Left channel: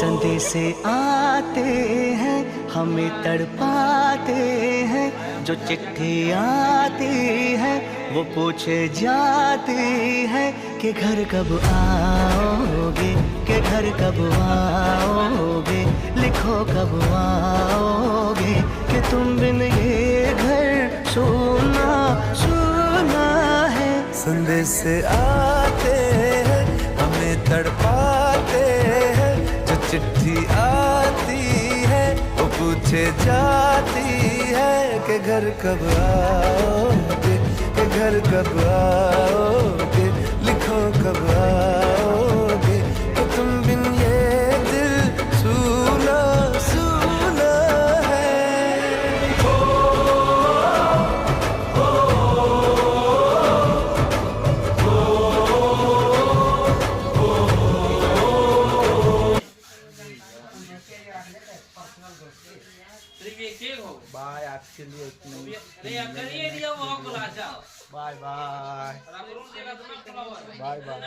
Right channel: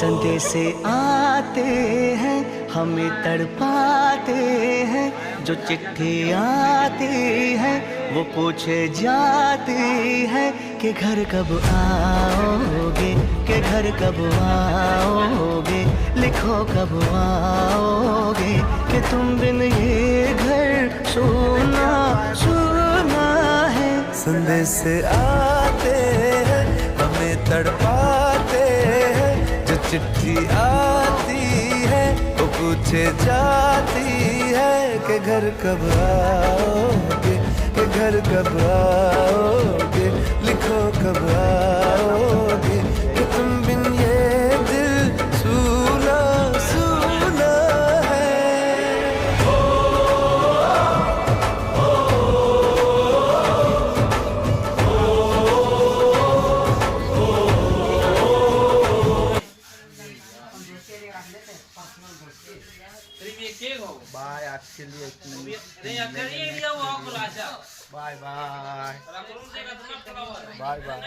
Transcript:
संदेश आते हैं हमें तड़पाते हैं, जो चिट्ठी आती है वो पूछे जाती है कि घर कब आओगे, कि घर कब आओगे, लिखो कब आओगे, कि तुम बिन ये घर सोना सोना है। संदेश आते हैं हमें तड़पाते हैं, जो चिट्ठी आती है वो पूछे जाती है कि घर कब आओगे, कि घर कब आओगे, लिखो कब आओगे, कि तुम बिन ये दिल सूना सूना है। बाय, आज के लिए इतना ही। Bye bye bye bye.